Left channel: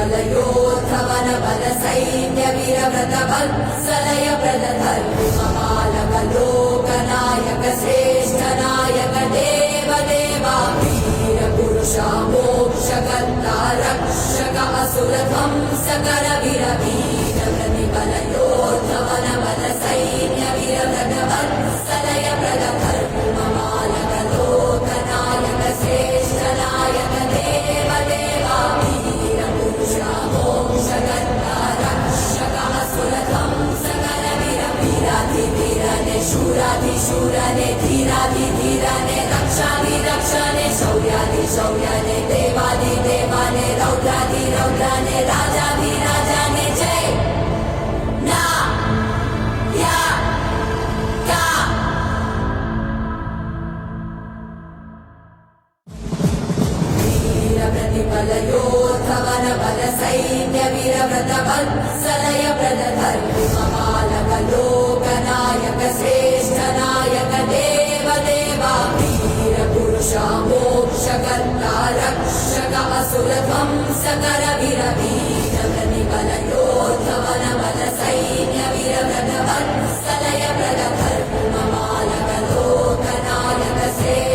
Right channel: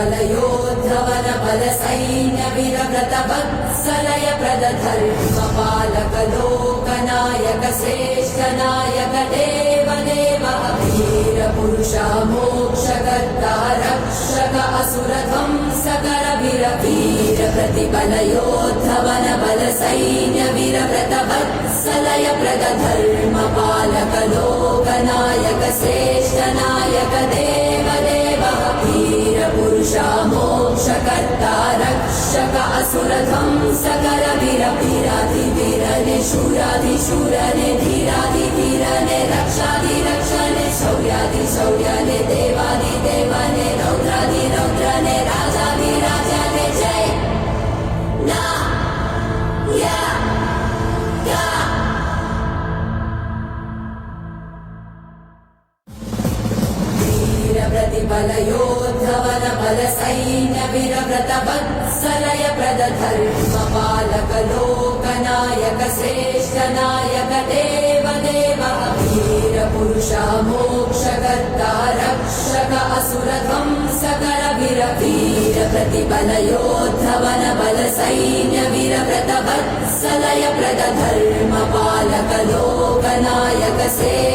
प्रतिबलयोद्धवन बल सैन्य वीरव्रत वत्सलय प्रद धर्मपालक लोकनायक श्रेष्ठ नायक देव देवा वीर पुरुष मोक्षकर्ता रक्षक असुर ध्वंसकर वीर वीर प्रतिबलयोद्धवन बल सैन्य वीरव्रत वत्सलय प्रद धर्मपालक लोकनायक श्रेष्ठ नायक देव देवा वीर पुरुष मोक्षकर्ता रक्षक असुर ध्वंसकर वीर वीराधिवीरने शूराधिशूरने धीराधिधीरने रक्षाधिरक्षणे शौर्याधिशौर्यने देवाधिदेवाने रौद्राधिरौद्रने राजाधिराजाने जय ना या प्रतिबलयोद्धवन बल सैन्य वीरव्रत वत्सलय प्रद धर्मपालक लोकनायक श्रेष्ठ नायक देव देवा वीर पुरुष मोक्षकर्ता रक्षक असुर ध्वंसकर वीर वीर प्रतिबलयोद्धवन बल सैन्य वीरव्रत वत्सलय प्रद धर्मपालक लोकनायक श्रेष्ठ